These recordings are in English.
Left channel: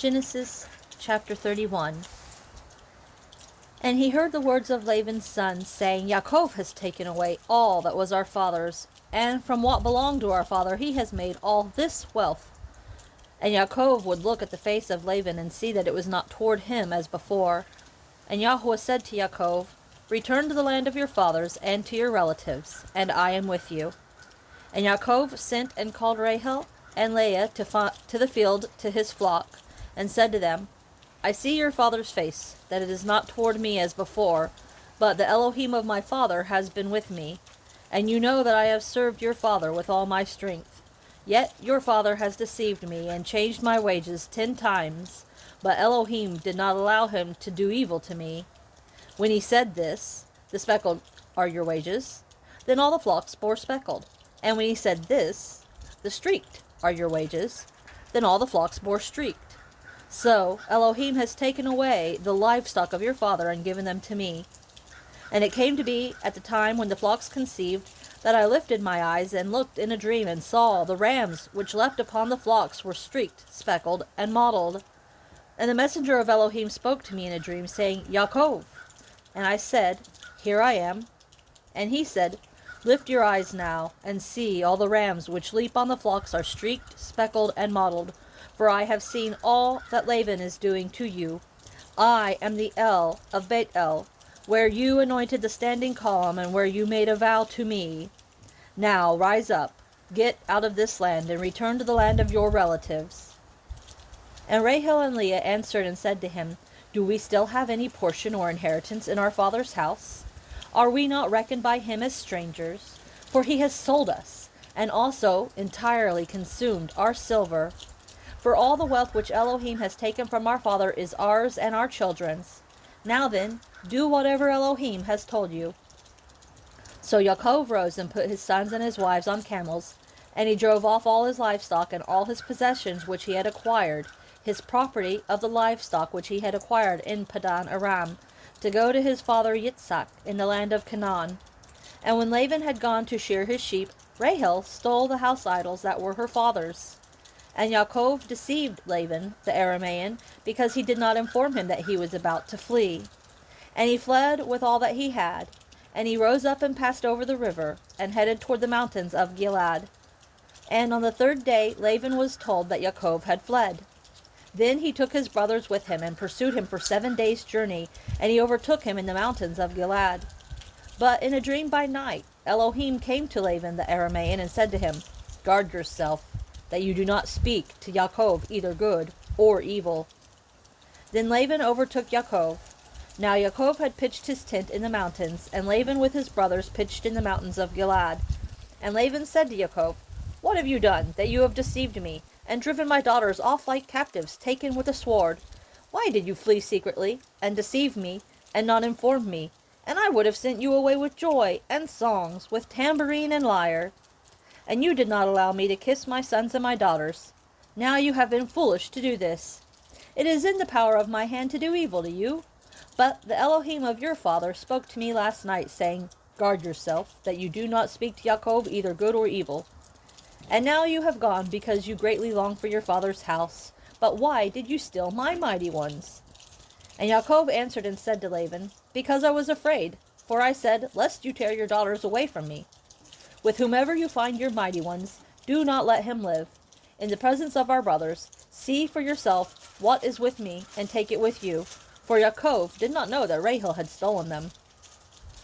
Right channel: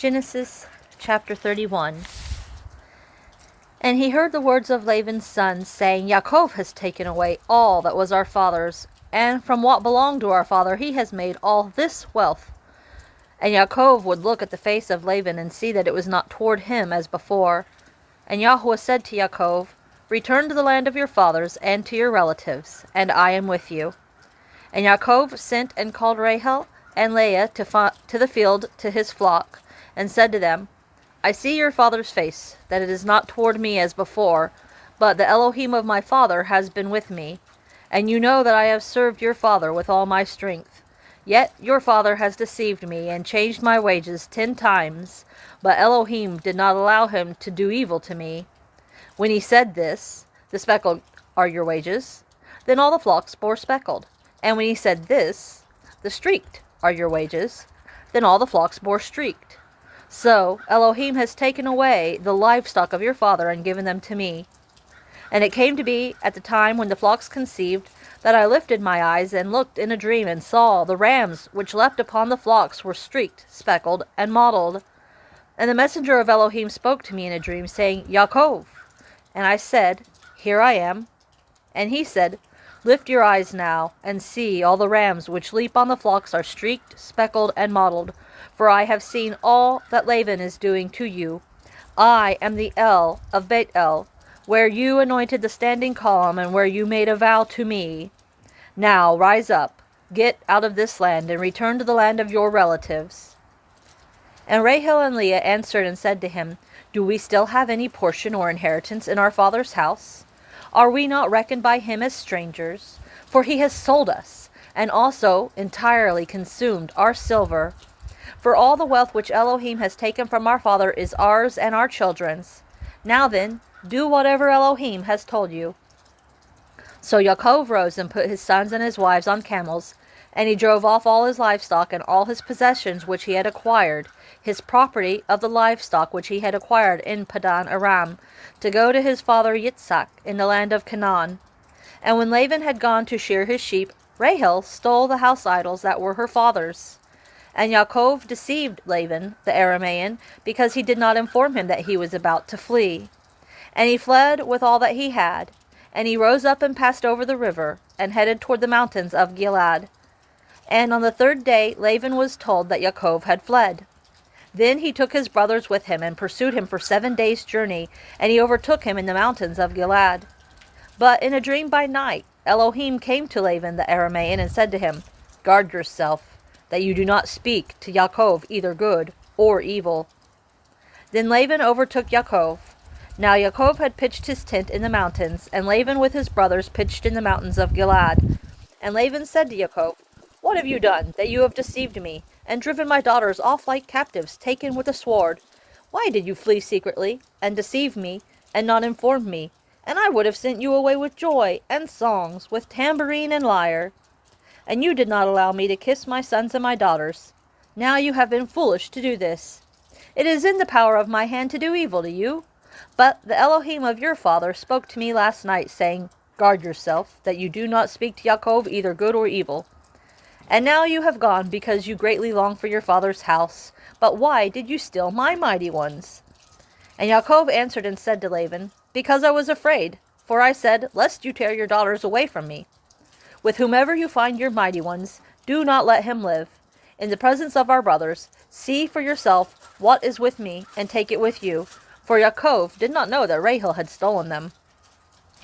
Genesis chapter 31. And he heard the words of Laban's sons, saying, Yaakov has taken away all that was our father's, and from what belonged to our father he has made all this wealth. And Yaakov would look at the face of Laban, and see that it was not toward him as before. And Yahweh said to Yaakov, Return to the land of your fathers, and to your relatives, and I am with you. And Yaakov sent and called Rachel and Leah to the field to his flock, and said to them, I see your father's face, that it is not toward me as before, but the Elohim of my father has been with me. And you know that I have served your father with all my strength. Yet your father has deceived me, and changed my wages 10 times, but Elohim did not allow him to do evil to me. When he said this, the speckled are your wages, then all the flocks bore speckled. And when he said this, the streaked are your wages, then all the flocks bore streaked. So Elohim has taken away the livestock of your father and given them to me. And it came to be at the time when the flocks conceived, that I lifted my eyes and looked in a dream, and saw the rams which leapt upon the flocks were streaked, speckled, and mottled. And the messenger of Elohim spoke to me in a dream, saying, Yaakov. And I said, Here I am. And he said, Lift your eyes now, and see, all the rams which leap on the flocks are streaked, speckled, and mottled. For I have seen all that Laban is doing to you. I am the El of Bet-El, where you anointed the standing column, and where you made a vow to me. Now rise up, get out of this land, and return to the land of your relatives. And Rachel and Leah answered and said to him, Do we still have any portion or inheritance in our father's house? Are we not reckoned by him as strangers? For he has sold us, and also entirely consumed our silver. For all the wealth which Elohim has taken from our father is ours and our children's. Now then, do whatever Elohim has told you. So Yaakov rose and put his sons and his wives on camels, and he drove off all his livestock and all his possessions which he had acquired, his property of the livestock which he had acquired in Paddan Aram, to go to his father Yitshaq in the land of Canaan. And when Laban had gone to shear his sheep, Rachel stole the house idols that were her father's. And Yaakov deceived Laban the Aramean, because he did not inform him that he was about to flee. And he fled with all that he had. And he rose up and passed over the river, and headed toward the mountains of Gilead. And on the 3rd day Laban was told that Yaakov had fled. Then he took his brothers with him, and pursued him for 7 days' journey, and he overtook him in the mountains of Gilead. But in a dream by night Elohim came to Laban the Aramean, and said to him, Guard yourself, that you do not speak to Yaakov either good or evil. Then Laban overtook Yaakov. Now Yaakov had pitched his tent in the mountains, and Laban with his brothers pitched in the mountains of Gilead. And Laban said to Yaakov, What have you done, that you have deceived me, and driven my daughters off like captives, taken with a sword? Why did you flee secretly, and deceive me, and not inform me? And I would have sent you away with joy, and songs, with tambourine and lyre. And you did not allow me to kiss my sons and my daughters. Now you have been foolish to do this. It is in the power of my hand to do evil to you. But the Elohim of your father spoke to me last night, saying, Guard yourself, that you do not speak to Yaakov either good or evil. And now you have gone, because you greatly long for your father's house. But why did you steal my mighty ones? And Yaakov answered and said to Laban, Because I was afraid, for I said, Lest you tear your daughters away from me. With whomever you find your mighty ones, do not let him live. In the presence of our brothers, see for yourself what is with me, and take it with you. For Yaakov did not know that Rachel had stolen them.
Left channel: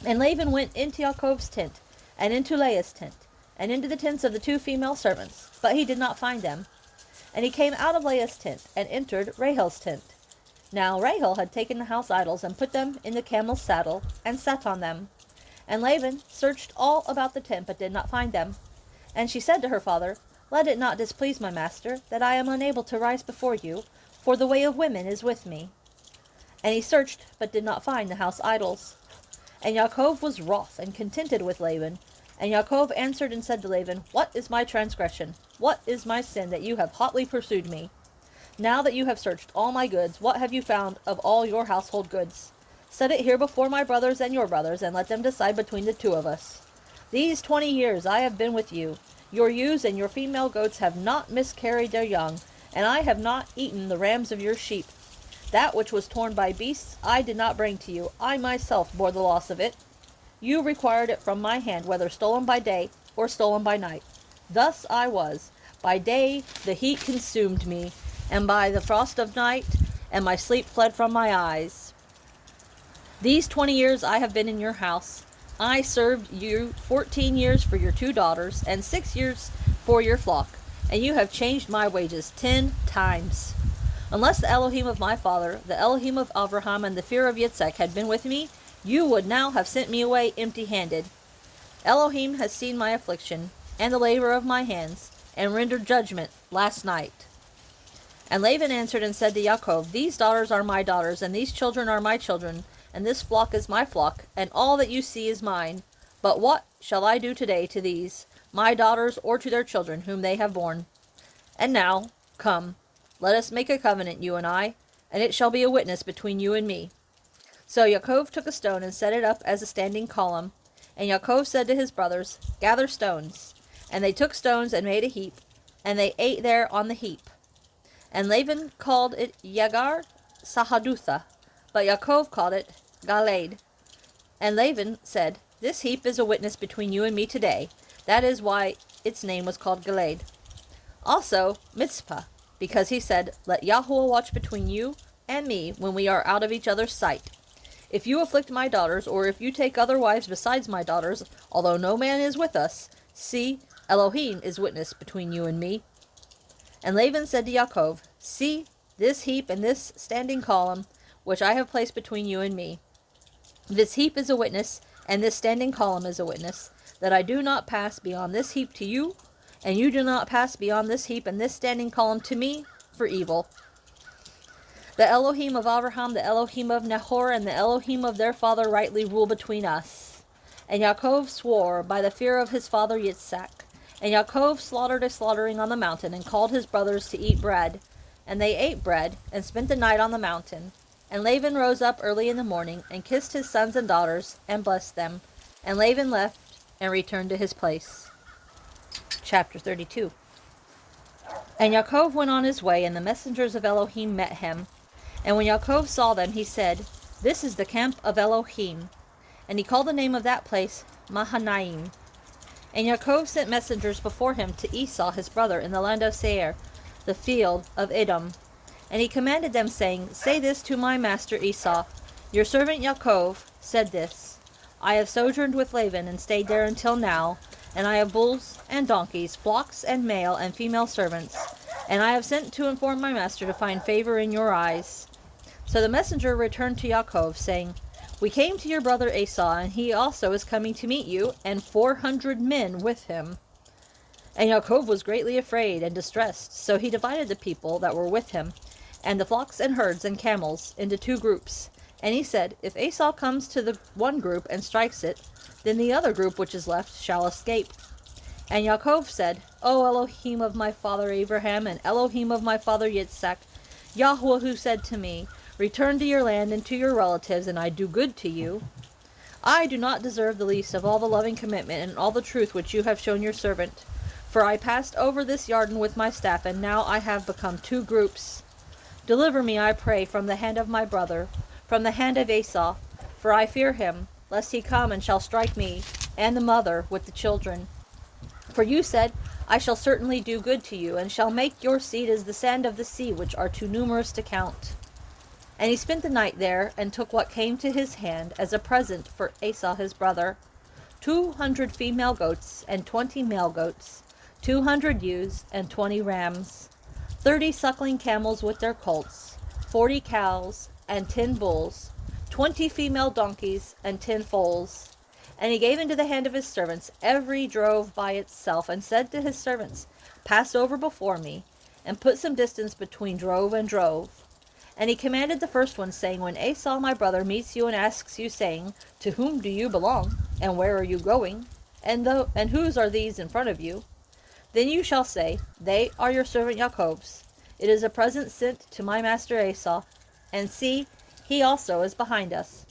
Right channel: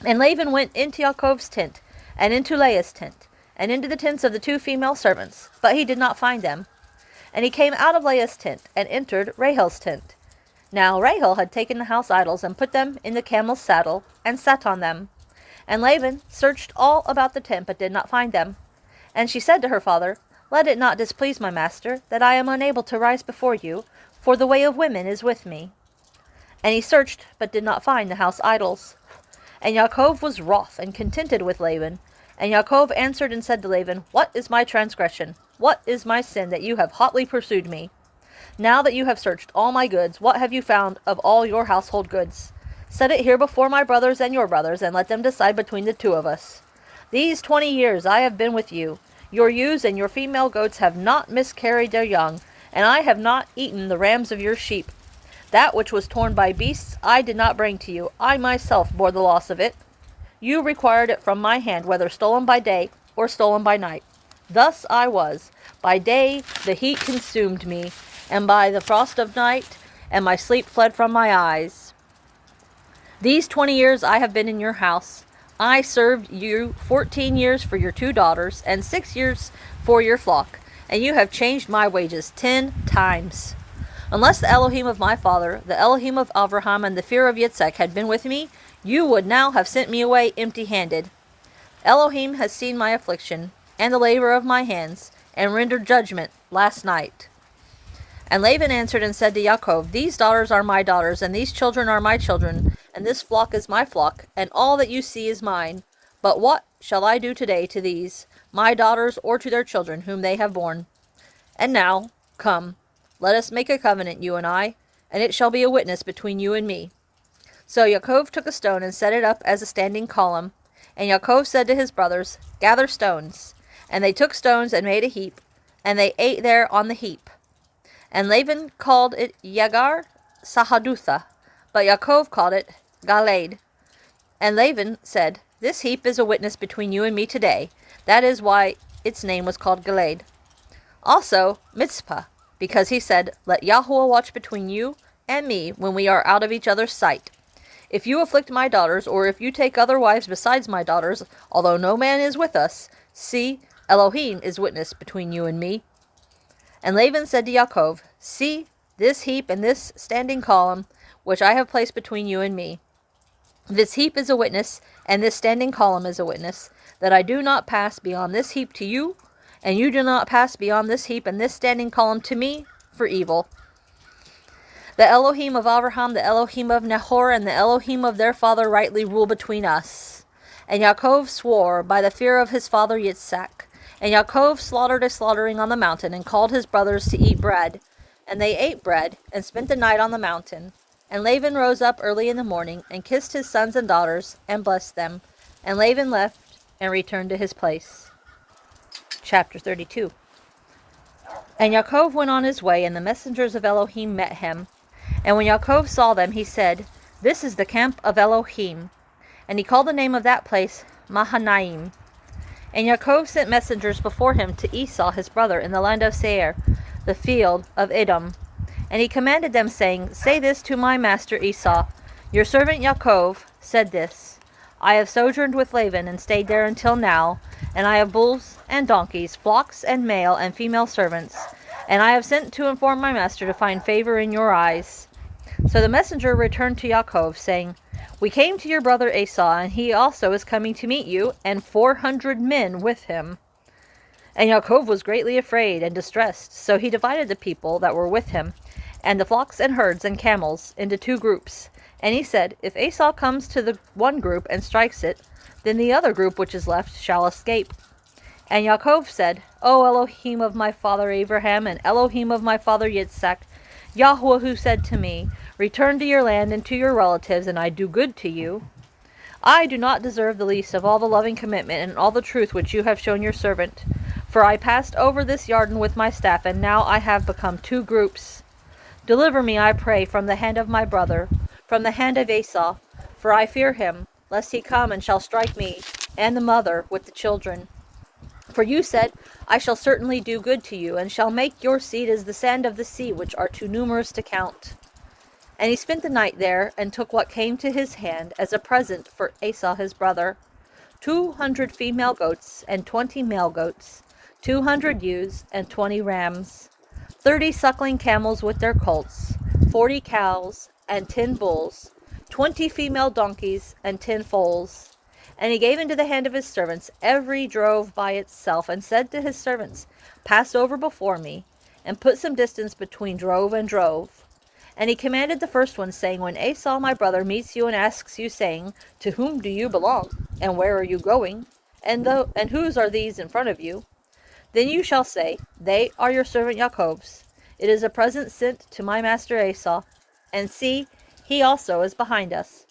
And Laban went into Yaakov's tent, and into Leah's tent, and into the tents of the 2 female servants, but he did not find them. And he came out of Leah's tent, and entered Rachel's tent. Now Rachel had taken the house idols, and put them in the camel's saddle, and sat on them. And Laban searched all about the tent, but did not find them. And she said to her father, Let it not displease my master, that I am unable to rise before you, for the way of women is with me. And he searched, but did not find the house idols. And Yaakov was wroth, and contented with Laban. And Yaakov answered and said to Laban, What is my transgression? What is my sin, that you have hotly pursued me? Now that you have searched all my goods, what have you found of all your household goods? Set it here before my brothers and your brothers, and let them decide between the 2 of us. These 20 years I have been with you. Your ewes and your female goats have not miscarried their young, and I have not eaten the rams of your sheep. That which was torn by beasts I did not bring to you. I myself bore the loss of it. You required it from my hand, whether stolen by day or stolen by night. Thus I was. By day the heat consumed me, and by the frost of night, and my sleep fled from my eyes. These 20 years I have been in your house. I served you 14 years for your 2 daughters, and 6 years for your flock, and you have changed my wages 10 times. Unless the Elohim of my father, the Elohim of Abraham, and the fear of Yitshaq had been with me, you would now have sent me away empty-handed. Elohim has seen my affliction, and the labor of my hands, and rendered judgment last night. And Laban answered and said to Yaakov, These daughters are my daughters, and these children are my children, and this flock is my flock, and all that you see is mine. But what shall I do today to these, my daughters, or to their children, whom they have borne? And now, come, let us make a covenant, you and I, and it shall be a witness between you and me. So Yaakov took a stone and set it up as a standing column. And Yaakov said to his brothers, Gather stones. And they took stones and made a heap, and they ate there on the heap. And Laban called it Yagar Sahadutha, but Yaakov called it Galeed. And Laban said, This heap is a witness between you and me today. That is why its name was called Galeed. Also Mizpah, because he said, Let Yahuwah watch between you and me when we are out of each other's sight. If you afflict my daughters, or if you take other wives besides my daughters, although no man is with us, see, Elohim is witness between you and me. And Laban said to Yaakov, See, this heap and this standing column, which I have placed between you and me. This heap is a witness, and this standing column is a witness, that I do not pass beyond this heap to you, and you do not pass beyond this heap and this standing column to me for evil. The Elohim of Abraham, the Elohim of Nahor, and the Elohim of their father rightly rule between us. And Yaakov swore by the fear of his father Yitshaq. And Yaakov slaughtered a slaughtering on the mountain, and called his brothers to eat bread. And they ate bread, and spent the night on the mountain. And Laban rose up early in the morning, and kissed his sons and daughters, and blessed them. And Laban left, and returned to his place. Chapter 32. And Yaakov went on his way, and the messengers of Elohim met him. And when Yaakov saw them, he said, This is the camp of Elohim. And he called the name of that place Mahanaim. And Yaakov sent messengers before him to Esaw his brother in the land of Seir, the field of Edom. And he commanded them, saying, Say this to my master Esaw, Your servant Yaakov said this, I have sojourned with Laban, and stayed there until now, and I have bulls and donkeys, flocks and male and female servants, and I have sent to inform my master to find favor in your eyes. So the messenger returned to Yaakov, saying, We came to your brother Esaw, and he also is coming to meet you, and 400 men with him. And Yaakov was greatly afraid and distressed, so he divided the people that were with him, and the flocks and herds and camels, into 2 groups. And he said, If Esaw comes to the one group and strikes it, then the other group which is left shall escape. And Yaakov said, O Elohim of my father Abraham, and Elohim of my father Yitshaq, Yahuwah who said to me, Return to your land and to your relatives, and I do good to you. I do not deserve the least of all the loving commitment and all the truth which you have shown your servant. For I passed over this Yarden with my staff, and now I have become 2 groups. Deliver me, I pray, from the hand of my brother, from the hand of Esaw, for I fear him, lest he come and shall strike me, and the mother with the children. For you said, I shall certainly do good to you, and shall make your seed as the sand of the sea, which are too numerous to count. And he spent the night there, and took what came to his hand as a present for Esaw his brother, 200 female goats, and 20 male goats, 200 ewes, and 20 rams, 30 suckling camels with their colts, 40 cows, and 10 bulls, 20 female donkeys, and 10 foals. And he gave into the hand of his servants every drove by itself, and said to his servants, Pass over before me, and put some distance between drove and drove. And he commanded the first one, saying, When Esaw my brother meets you and asks you, saying, To whom do you belong, and where are you going, and whose are these in front of you? Then you shall say, They are your servant Yaakov's. It is a present sent to my master Esaw, and see, he also is behind us.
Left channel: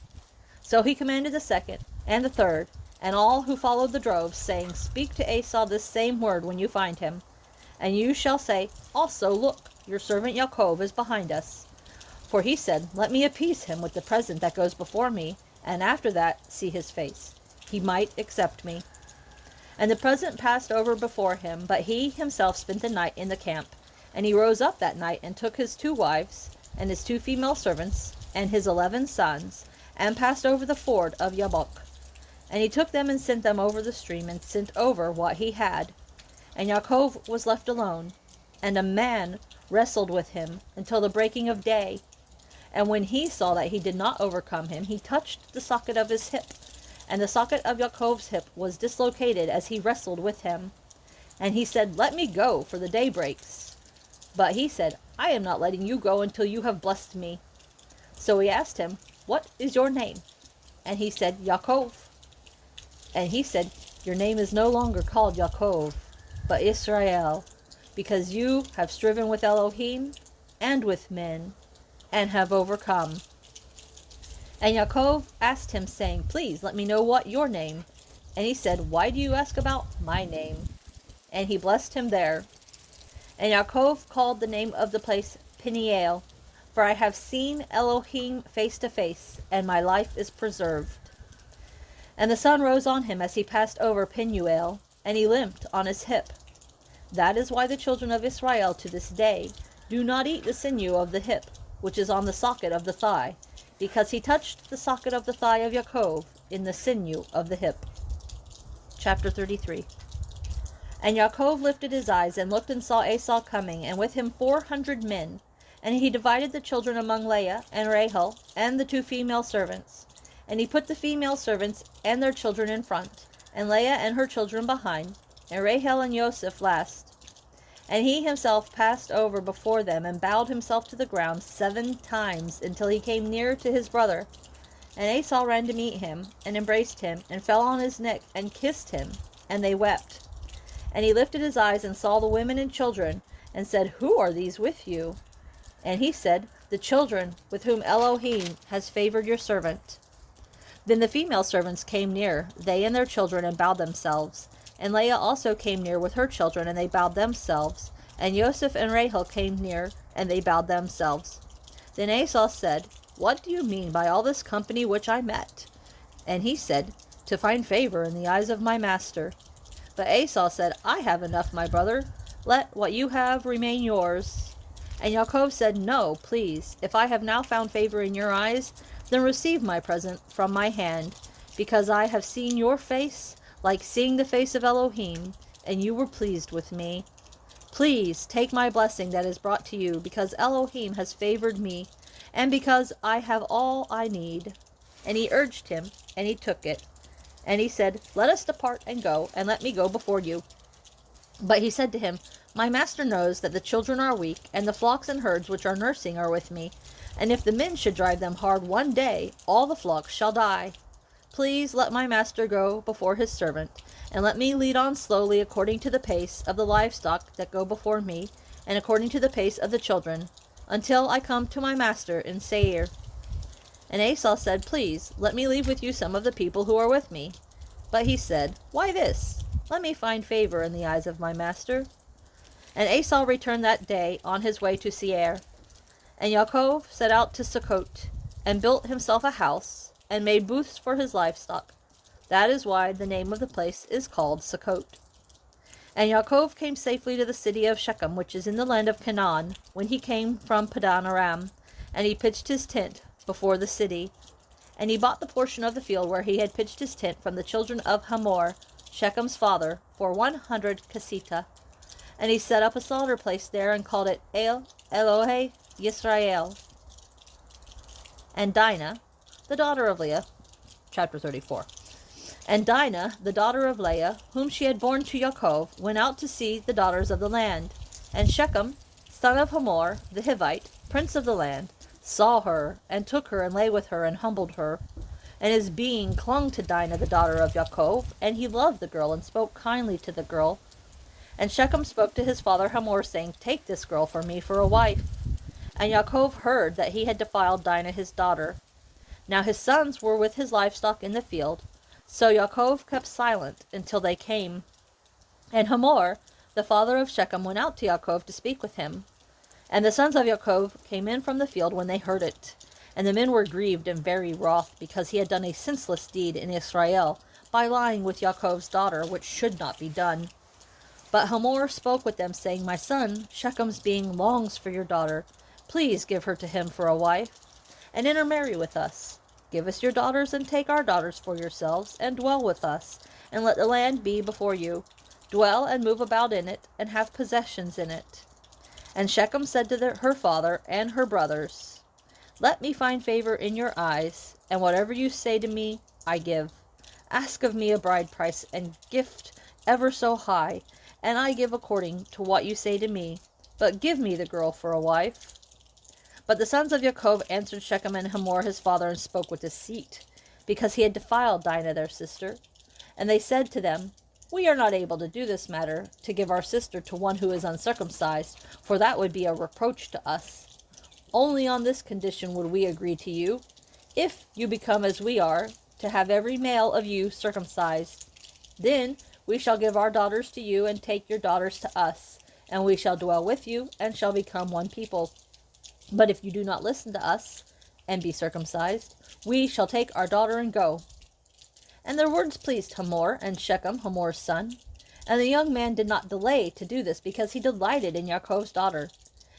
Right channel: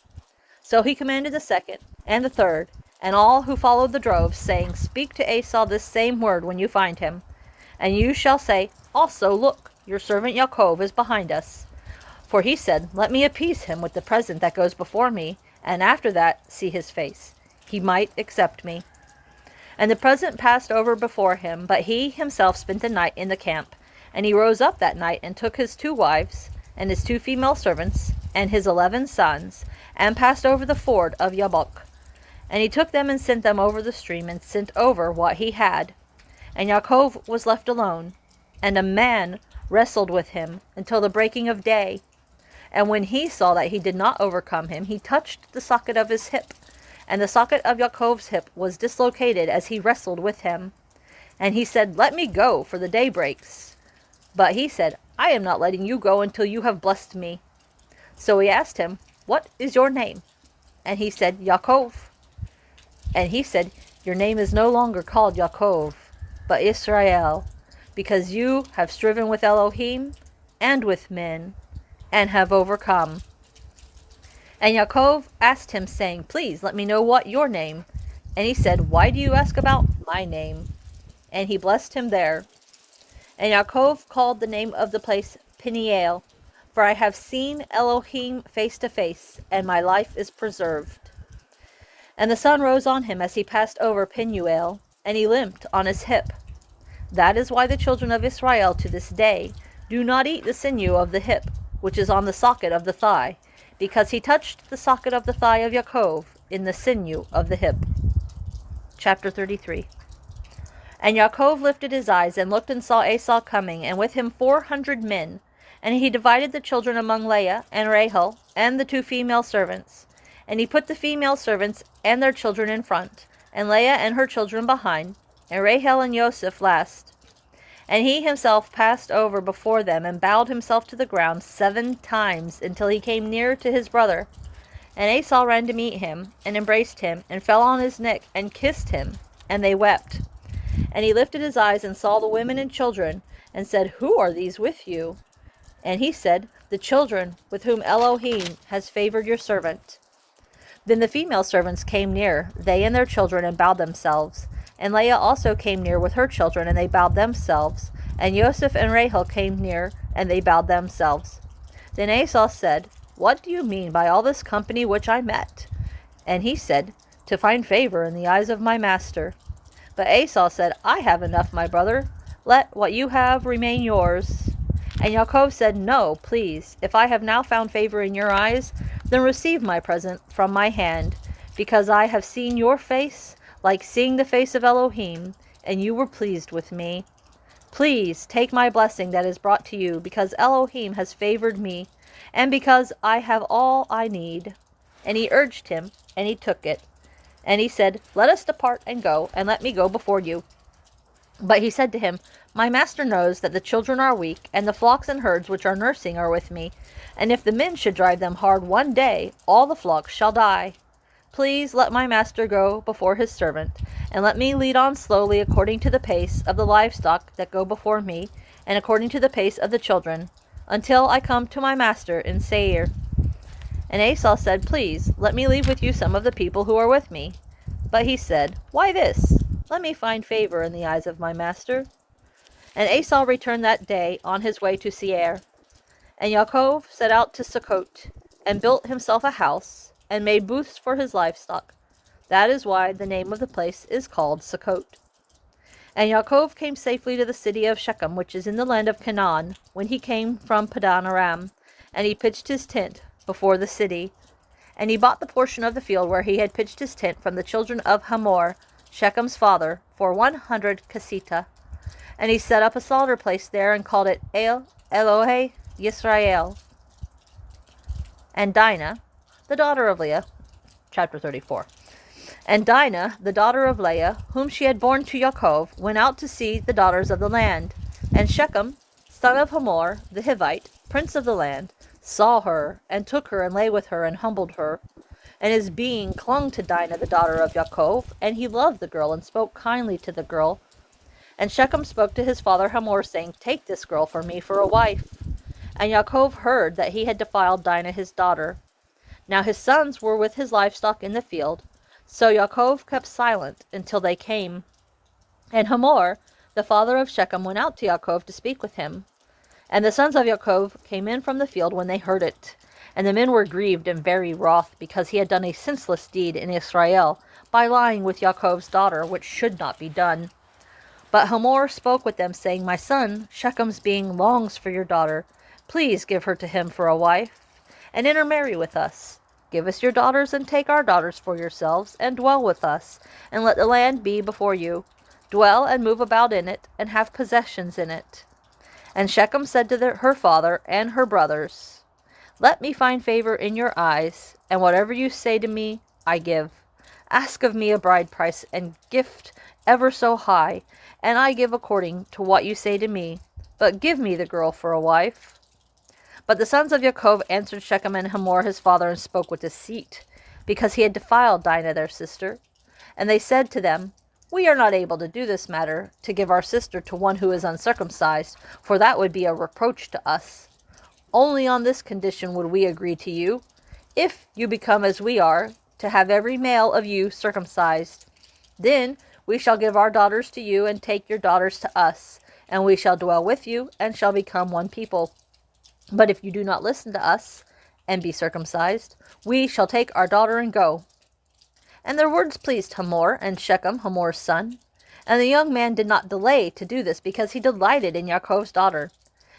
So he commanded the second, and the third, and all who followed the droves, saying, Speak to Esaw this same word when you find him. And you shall say, Also, look, your servant Yaakov is behind us. For he said, let me appease him with the present that goes before me, and after that see his face. He might accept me. And the present passed over before him, but he himself spent the night in the camp. And he rose up that night, and took his 2 wives, and his 2 female servants, and his 11 sons, and passed over the ford of Yabbok. And he took them and sent them over the stream, and sent over what he had. And Yaakov was left alone, and a man wrestled with him until the breaking of day. And when he saw that he did not overcome him, he touched the socket of his hip. And the socket of Yaakov's hip was dislocated as he wrestled with him. And he said, let me go, for the day breaks. But he said, I am not letting you go until you have blessed me. So he asked him, what is your name? And he said, Yaakov. And he said, your name is no longer called Yaakov, but Yisra'eel, because you have striven with Elohim and with men, and have overcome. And Yaakov asked him, saying, please let me know what your name. And he said, why do you ask about my name? And he blessed him there. And Yaakov called the name of the place Peniel, for I have seen Elohim face to face, and my life is preserved. And the sun rose on him as he passed over Penuel, and he limped on his hip. That is why the children of Israel to this day do not eat the sinew of the hip, which is on the socket of the thigh, because he touched the socket of the thigh of Yaakov in the sinew of the hip. Chapter 33. And Yaakov lifted his eyes and looked and saw Esaw coming, and with him 400 men. And he divided the children among Leah and Rachel and the 2 female servants. And he put the female servants and their children in front, and Leah and her children behind, and Rachel and Joseph last. And he himself passed over before them, and bowed himself to the ground 7 times, until he came near to his brother. And Esaw ran to meet him, and embraced him, and fell on his neck, and kissed him, and they wept. And he lifted his eyes, and saw the women and children, and said, who are these with you? And he said, the children with whom Elohim has favored your servant. Then the female servants came near, they and their children, and bowed themselves. And Leah also came near with her children, and they bowed themselves. And Joseph and Rachel came near, and they bowed themselves. Then Esaw said, what do you mean by all this company which I met? And he said, to find favor in the eyes of my master. But Esaw said, I have enough, my brother. Let what you have remain yours. And Yaakov said, no, please, if I have now found favor in your eyes, then receive my present from my hand, because I have seen your face, like seeing the face of Elohim, and you were pleased with me. Please take my blessing that is brought to you, because Elohim has favored me, and because I have all I need. And he urged him, and he took it. And he said, let us depart and go, and let me go before you. But he said to him, my master knows that the children are weak, and the flocks and herds which are nursing are with me. And if the men should drive them hard one day, all the flocks shall die. Please let my master go before his servant, and let me lead on slowly according to the pace of the livestock that go before me, and according to the pace of the children, until I come to my master in Seir. And Esaw said, please, let me leave with you some of the people who are with me. But he said, why this? Let me find favor in the eyes of my master. And Esaw returned that day on his way to Seir. And Yaakov set out to Sukkot, and built himself a house, and made booths for his livestock. That is why the name of the place is called Sukkot. And Yaakov came safely to the city of Shechem, which is in the land of Canaan, when he came from Paddan Aram, and he pitched his tent before the city. And he bought the portion of the field where he had pitched his tent from the children of Hamor, Shechem's father, for 100 kesita. And he set up a slaughter place there, and called it Elohe Yisra'eel. And Dinah, the daughter of Leah, chapter 34. And Dinah, the daughter of Leah, whom she had borne to Yaakov, went out to see the daughters of the land. And Shechem, son of Hamor, the Hivite, prince of the land, saw her, and took her, and lay with her, and humbled her. And his being clung to Dinah, the daughter of Yaakov, and he loved the girl, and spoke kindly to the girl. And Shechem spoke to his father Hamor, saying, take this girl for me for a wife. And Yaakov heard that he had defiled Dinah his daughter. Now his sons were with his livestock in the field, so Yaakov kept silent until they came. And Hamor, the father of Shechem, went out to Yaakov to speak with him. And the sons of Yaakov came in from the field when they heard it. And the men were grieved and very wroth, because he had done a senseless deed in Yisra'eel, by lying with Yaakov's daughter, which should not be done. But Hamor spoke with them, saying, My son, Shechem's being longs for your daughter. Please give her to him for a wife, and intermarry with us. Give us your daughters, and take our daughters for yourselves, and dwell with us, and let the land be before you. Dwell and move about in it, and have possessions in it. And Shechem said to her father and her brothers, Let me find favor in your eyes, and whatever you say to me, I give. Ask of me a bride price, and gift ever so high, and I give according to what you say to me. But give me the girl for a wife. But the sons of Yaakov answered Shechem and Hamor his father, and spoke with deceit, because he had defiled Dinah their sister. And they said to them, We are not able to do this matter, to give our sister to one who is uncircumcised, for that would be a reproach to us. Only on this condition would we agree to you, if you become as we are, to have every male of you circumcised. Then we shall give our daughters to you, and take your daughters to us, and we shall dwell with you, and shall become one people. But if you do not listen to us, and be circumcised, we shall take our daughter and go. And their words pleased Hamor and Shechem, Hamor's son. And the young man did not delay to do this, because he delighted in Yaakov's daughter.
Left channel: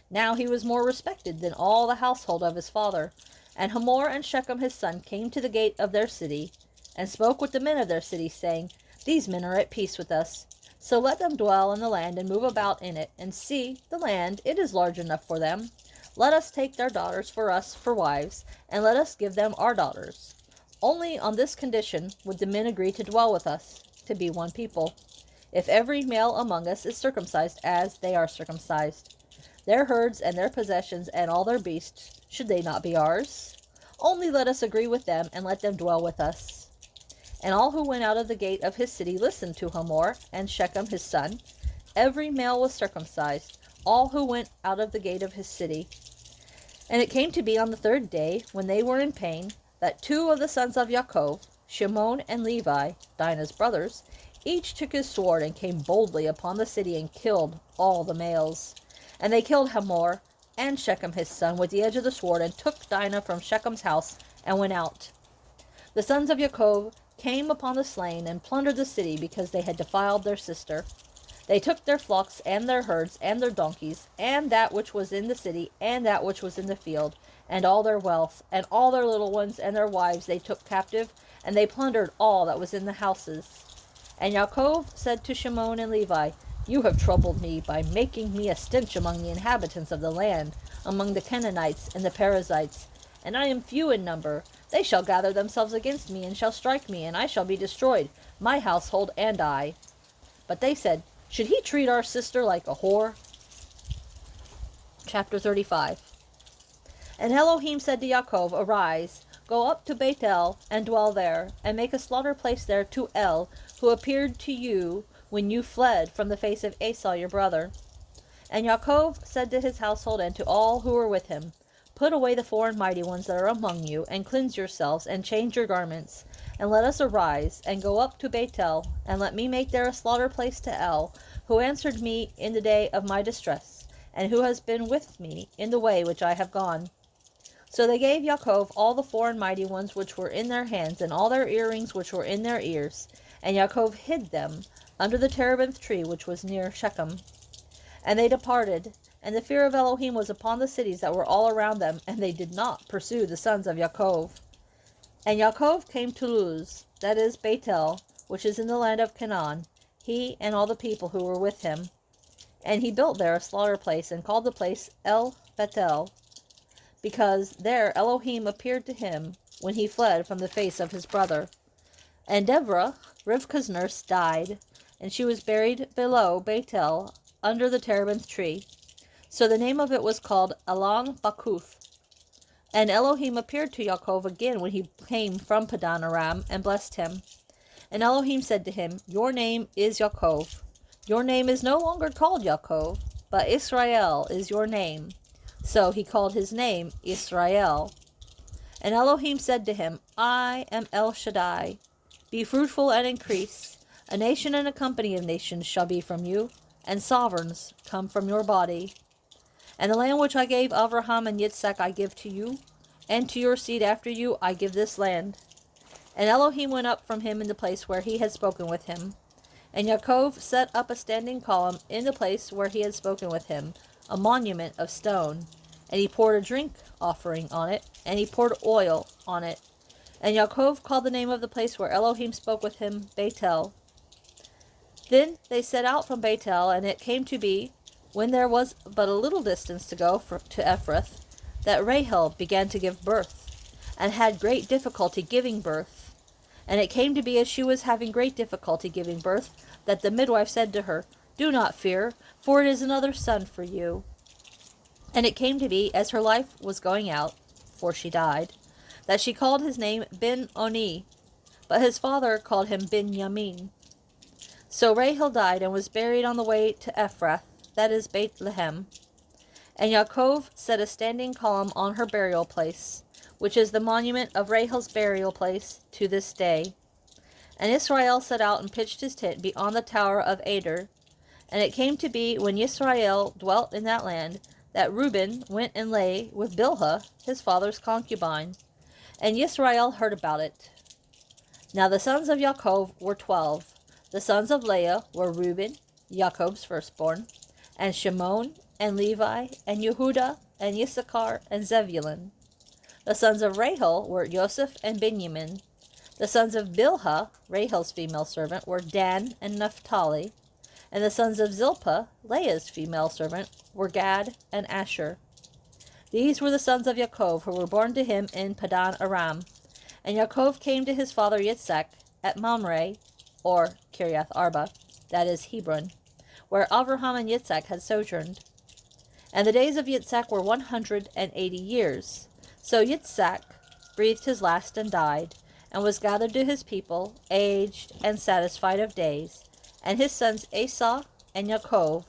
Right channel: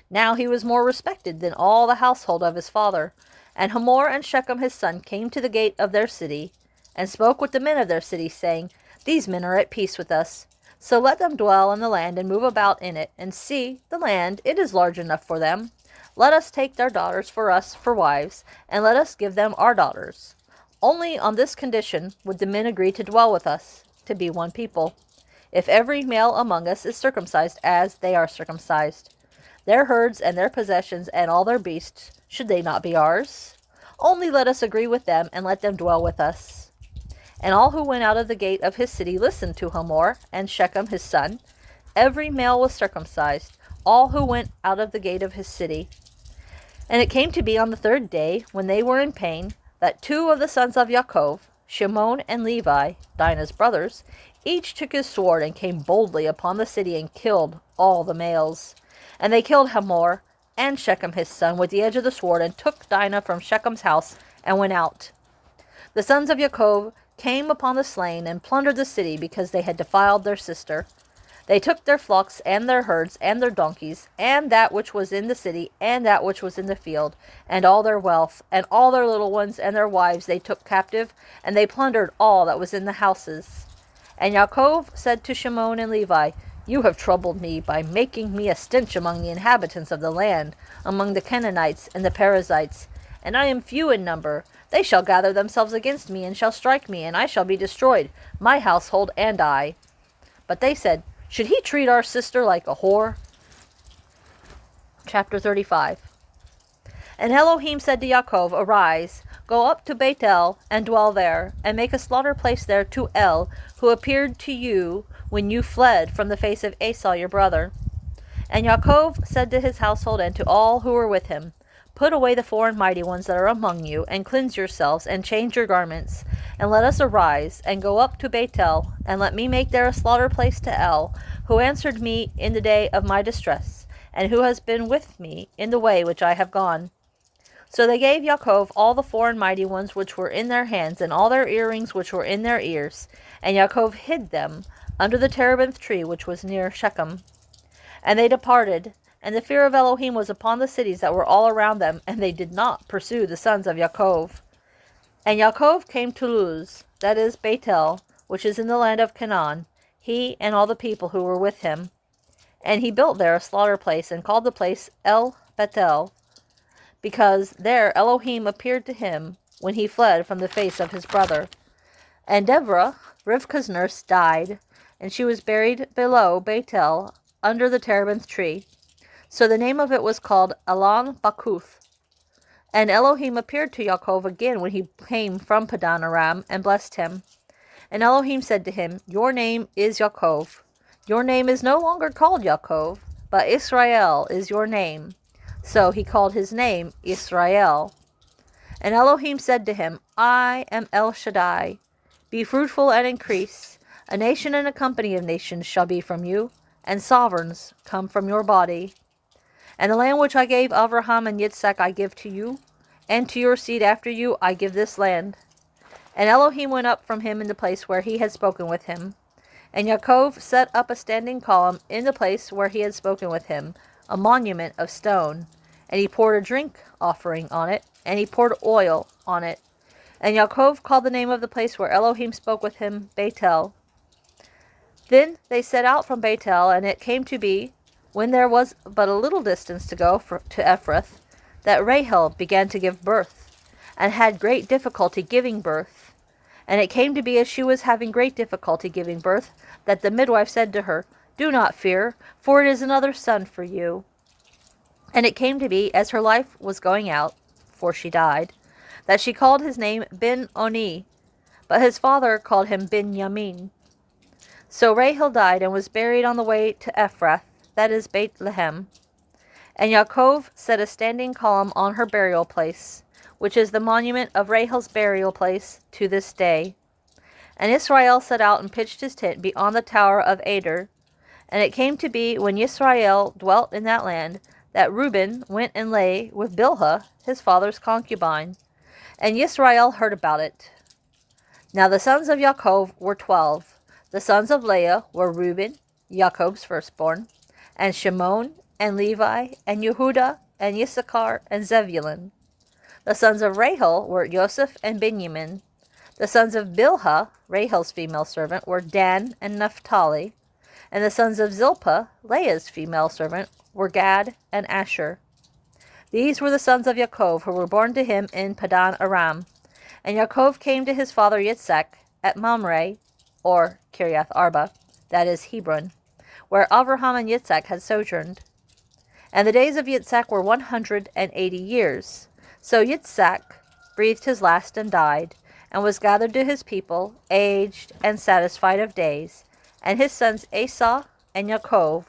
Now he was more respected than all the household of his father. And Hamor and Shechem his son came to the gate of their city, and spoke with the men of their city, saying, These men are at peace with us. So let them dwell in the land, and move about in it, and see, the land, it is large enough for them. Let us take their daughters for us for wives, and let us give them our daughters. Only on this condition would the men agree to dwell with us, to be one people, if every male among us is circumcised as they are circumcised. Their herds and their possessions and all their beasts, should they not be ours? Only let us agree with them, and let them dwell with us. And all who went out of the gate of his city listened to Hamor and Shechem his son. Every male was circumcised, all who went out of the gate of his city. And it came to be on the third day, when they were in pain, that two of the sons of Yaakov, Shimon and Levi, Dinah's brothers, each took his sword, and came boldly upon the city, and killed all the males. And they killed Hamor and Shechem his son with the edge of the sword, and took Dinah from Shechem's house, and went out. The sons of Yaakov came upon the slain, and plundered the city, because they had defiled their sister. They took their flocks, and their herds, and their donkeys, and that which was in the city, and that which was in the field, and all their wealth, and all their little ones, and their wives they took captive, and they plundered all that was in the houses. And Yaakov said to Shimon and Levi, You have troubled me by making me a stench among the inhabitants of the land, among the Canaanites and the Perizzites, and I am few in number. They shall gather themselves against me, and shall strike me, and I shall be destroyed, my household and I. But they said, Should he treat our sister like a whore? Chapter 35. And Elohim said to Yaakov, Arise, go up to Bethel, and dwell there, and make a slaughter place there to El, who appeared to you when you fled from the face of Esaw your brother. And Yaakov said to his household and to all who were with him, Put away the foreign mighty ones that are among you, and cleanse yourselves, and change your garments, and let us arise, and go up to Bethel, and let me make there a slaughter place to El, who answered me in the day of my distress, and who has been with me in the way which I have gone. So they gave Yaakov all the foreign mighty ones which were in their hands, and all their earrings which were in their ears, and Yaakov hid them under the terebinth tree which was near Shechem. And they departed, and the fear of Elohim was upon the cities that were all around them, and they did not pursue the sons of Yaakov. And Yaakov came to Luz, that is Bethel, which is in the land of Canaan, he and all the people who were with him. And he built there a slaughter place, and called the place El Bethel, because there Elohim appeared to him when he fled from the face of his brother. And Deborah, Rivkah's nurse, died, and she was buried below Bethel under the terebinth tree. So the name of it was called Elon Bakuth. And Elohim appeared to Yaakov again when he came from Paddan Aram, and blessed him. And Elohim said to him, Your name is Yaakov. Your name is no longer called Yaakov, but Yisra'eel is your name. So he called his name Yisra'eel. And Elohim said to him, I am El Shaddai. Be fruitful and increase. A nation and a company of nations shall be from you, and sovereigns come from your body. And the land which I gave Abraham and Yitshaq I give to you, and to your seed after you I give this land. And Elohim went up from him in the place where he had spoken with him. And Yaakov set up a standing column in the place where he had spoken with him, a monument of stone. And he poured a drink offering on it, and he poured oil on it. And Yaakov called the name of the place where Elohim spoke with him, Bethel. Then they set out from Bethel, and it came to be, when there was but a little distance to go to Ephrath, that Rahel began to give birth, and had great difficulty giving birth. And it came to be, as she was having great difficulty giving birth, that the midwife said to her, Do not fear, for it is another son for you. And it came to be, as her life was going out, for she died, that she called his name Ben-Oni, but his father called him Ben-Yamin. So Rahel died, and was buried on the way to Ephrath, that is Bethlehem. And Yaakov set a standing column on her burial place, which is the monument of Rahel's burial place to this day. And Yisra'eel set out and pitched his tent beyond the tower of Ader. And it came to be, when Yisra'eel dwelt in that land, that Reuben went and lay with Bilhah, his father's concubine. And Yisra'eel heard about it. Now the sons of Yaakov were 12. The sons of Leah were Reuben, Yaakov's firstborn, and Shimon, and Levi, and Yehudah, and Issachar, and Zebulun. The sons of Rahel were Joseph and Benjamin. The sons of Bilhah, Rahel's female servant, were Dan and Naphtali. And the sons of Zilpah, Leah's female servant, were Gad and Asher. These were the sons of Yaakov, who were born to him in Paddan Aram. And Yaakov came to his father Yitshaq at Mamre, or Kiriath Arba, that is Hebron, where Abraham and Yitshaq had sojourned. And the days of Yitshaq were 180 years. So Yitshaq breathed his last and died, and was gathered to his people, aged and satisfied of days. And his sons Esaw and Yaakov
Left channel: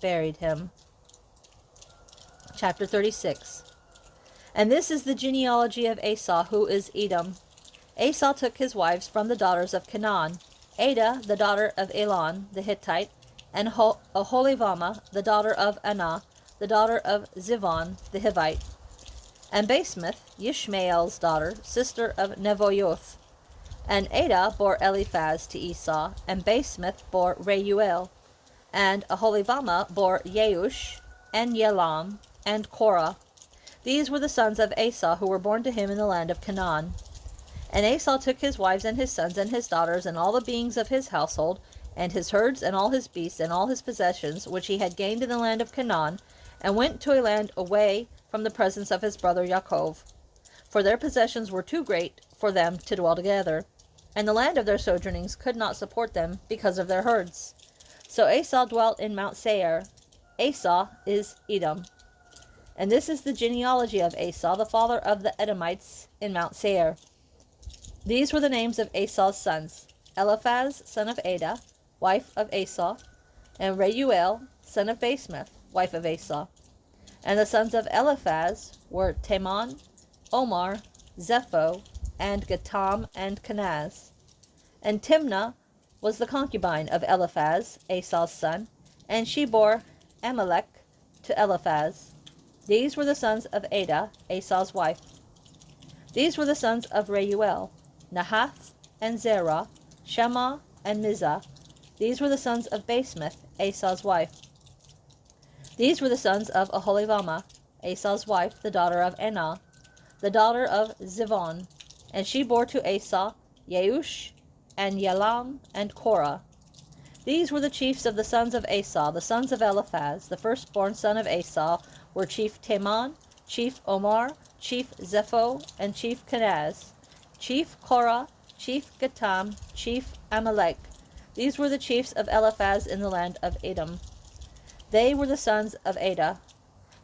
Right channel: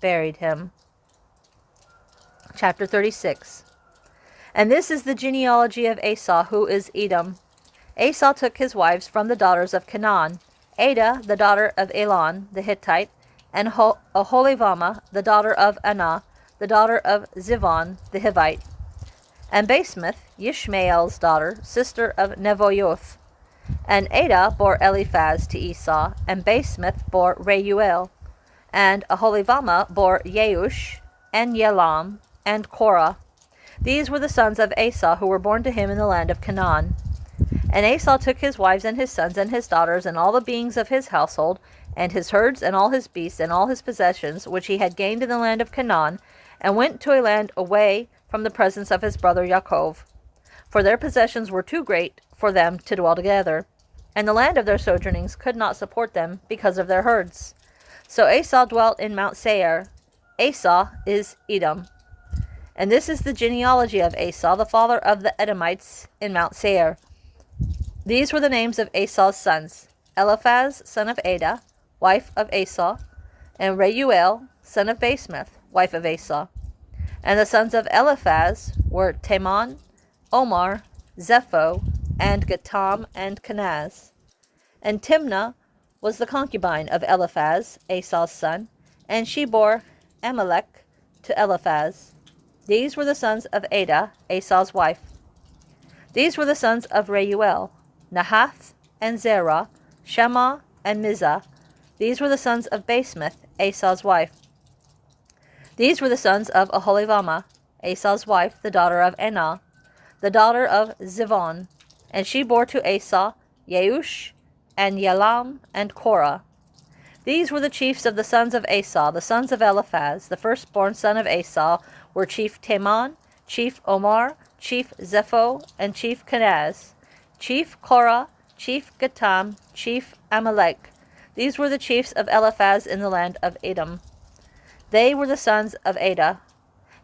buried him. Chapter 36. And this is the genealogy of Esaw, who is Edom. Esaw took his wives from the daughters of Canaan, Ada, the daughter of Elon, the Hittite, and Aholibamah, the daughter of Anah, the daughter of Zivon, the Hivite. And Basemath, Yishmael's daughter, sister of Nevoioth. And Ada bore Eliphaz to Esau, and Basemath bore Reuel. And Aholibamah bore Yeush, and Yelam, and Korah. These were the sons of Esaw, who were born to him in the land of Canaan. And Esaw took his wives and his sons and his daughters and all the beings of his household, and his herds and all his beasts and all his possessions, which he had gained in the land of Canaan, and went to a land away from the presence of his brother Yaakov. For their possessions were too great for them to dwell together, and the land of their sojournings could not support them because of their herds. So Esau dwelt in Mount Seir. Esau is Edom. And this is the genealogy of Esau, the father of the Edomites, in Mount Seir. These were the names of Esau's sons: Eliphaz, son of Ada, wife of Esau, and Reuel, son of Basemath, wife of Esau. And the sons of Eliphaz were Teman, Omar, Zepho, and Gatam, and Kenaz. And Timnah was the concubine of Eliphaz, Esau's son, and she bore Amalek to Eliphaz. These were the sons of Ada, Esau's wife. These were the sons of Reuel, Nahath, and Zerah, Shema, and Mizah. These were the sons of Basemath, Esau's wife. These were the sons of Aholibamah, Esau's wife, the daughter of Anah, the daughter of Zivon. And she bore to Esau Yeush, and Yelam, and Korah. These were the chiefs of the sons of Esau, the sons of Eliphaz. The firstborn son of Esau were chief Teman, chief Omar, chief Zepho, and chief Kenaz, chief Korah, chief Gatam, chief Amalek. These were the chiefs of Eliphaz in the land of Edom. They were the sons of Ada.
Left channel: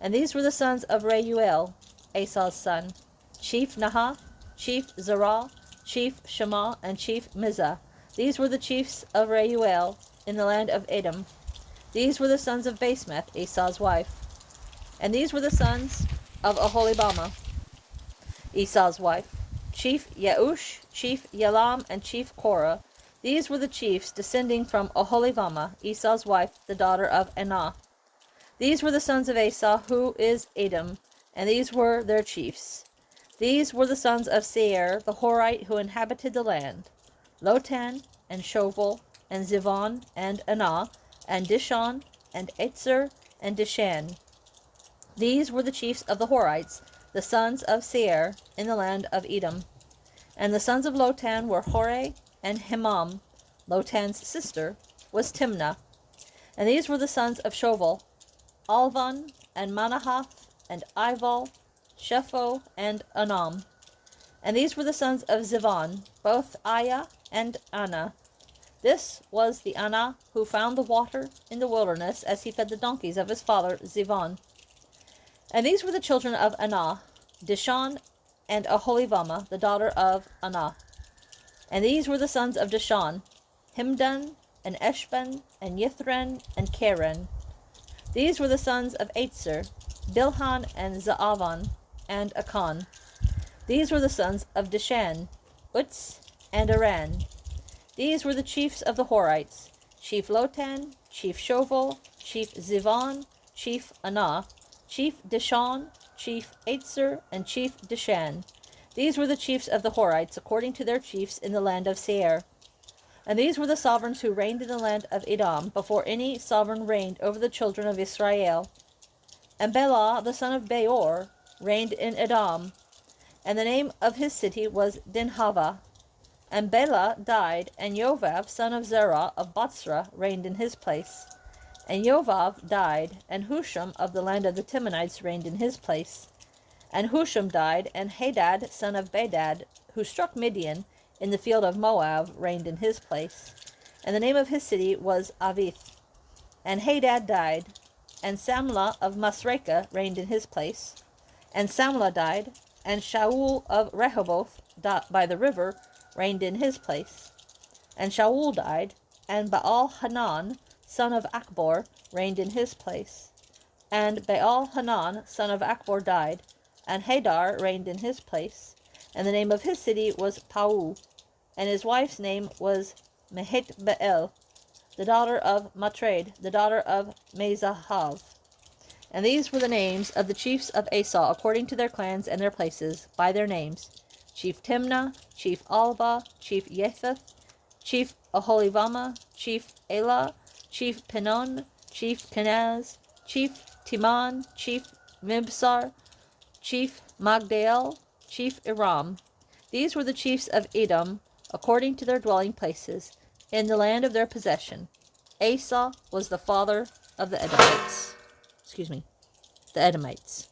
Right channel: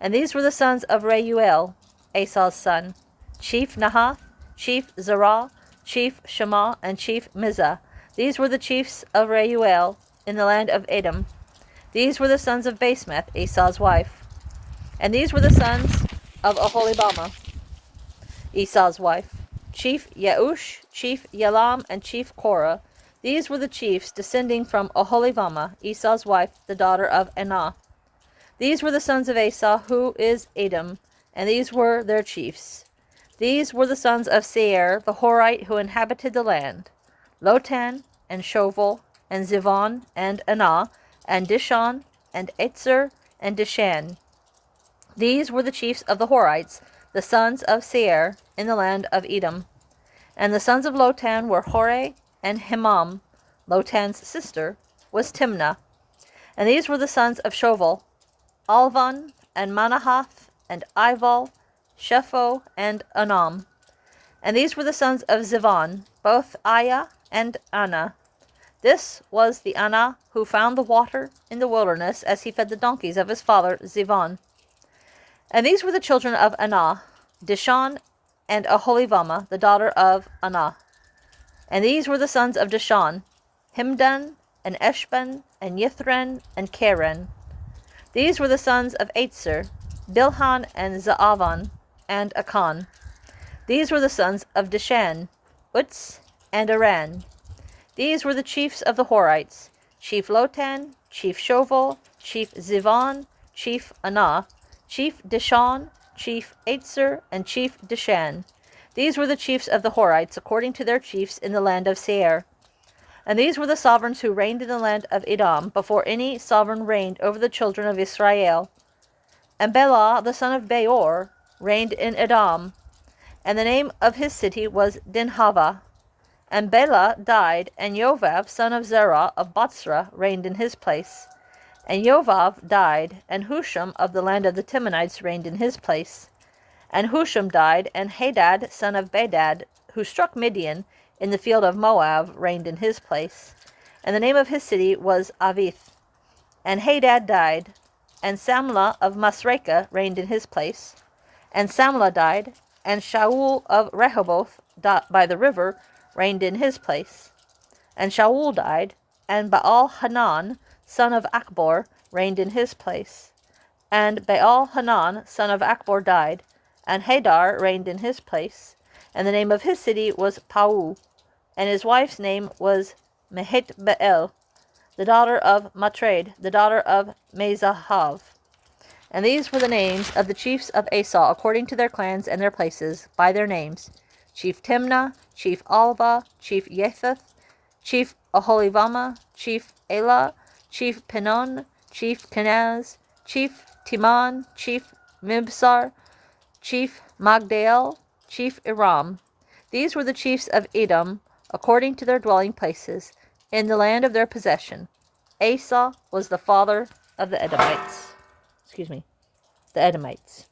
And these were the sons of Reuel, Esau's son: chief Nahath, chief Zerah, chief Shema, and chief Mizah. These were the chiefs of Reuel in the land of Edom. These were the sons of Basemath, Esau's wife. And these were the sons of Aholibamah, Esau's wife: chief Yeush, chief Yelam, and chief Korah. These were the chiefs descending from Aholibamah, Esau's wife, the daughter of Anah. These were the sons of Esaw, who is Edom, and these were their chiefs. These were the sons of Seir, the Horite, who inhabited the land: Lotan, and Shoval, and Zivon, and Anah, and Dishon, and Etzer, and Dishan. These were the chiefs of the Horites, the sons of Seir, in the land of Edom. And the sons of Lotan were Hore and Himam. Lotan's sister was Timnah. And these were the sons of Shoval: Alvan, and Manahath, and Ival, Shepho, and Anam. And these were the sons of Zivon, both Aya and Anah. This was the Anah who found the water in the wilderness as he fed the donkeys of his father Zivon. And these were the children of Anah: Dishon, and Aholibamah, the daughter of Anah. And these were the sons of Dishon: Himdan, and Eshban, and Yithran, and Karen. These were the sons of Etzer: Bilhan, and Zaavan, and Akan. These were the sons of Dishan: Utz, and Aran. These were the chiefs of the Horites: Chief Lotan, Chief Shoval, Chief Zivon, Chief Anah, Chief Dishon, Chief Etzer, and Chief Dishan. These were the chiefs of the Horites, according to their chiefs in the land of Seir. And these were the sovereigns who reigned in the land of Edom, before any sovereign reigned over the children of Yisra'eel. And Bela, the son of Beor, reigned in Edom, and the name of his city was Dinhava. And Bela died, and Yovav, son of Zerah of Botzrah, reigned in his place. And Yovav died, and Husham of the land of the Timonites reigned in his place. And Husham died, and Hadad, son of Bedad, who struck Midian in the field of Moab, reigned in his place. And the name of his city was Avith. And Hadad died, and Samlah of Masrekah reigned in his place. And Samlah died, and Shaul of Rehoboth by the river reigned in his place. And Shaul died, and Baal-Hanan, son of Akbor, reigned in his place. And Baal-Hanan, son of Akbor, died, and Hadar reigned in his place. And the name of his city was Pau, and his wife's name was Mehet-Beel, the daughter of Matred, the daughter of Mezahav. And these were the names of the chiefs of Esaw, according to their clans and their places, by their names: Chief Timnah, Chief Alba, Chief Yetheth, Chief Aholibamah, Chief Elah, Chief Penon, Chief Kenaz, Chief Timan, Chief Mibsar, Chief Magdael, Chief Iram. These were the chiefs of Edom, according to their dwelling places, in the land of their possession. Esaw was the father of the Edomites. The Edomites.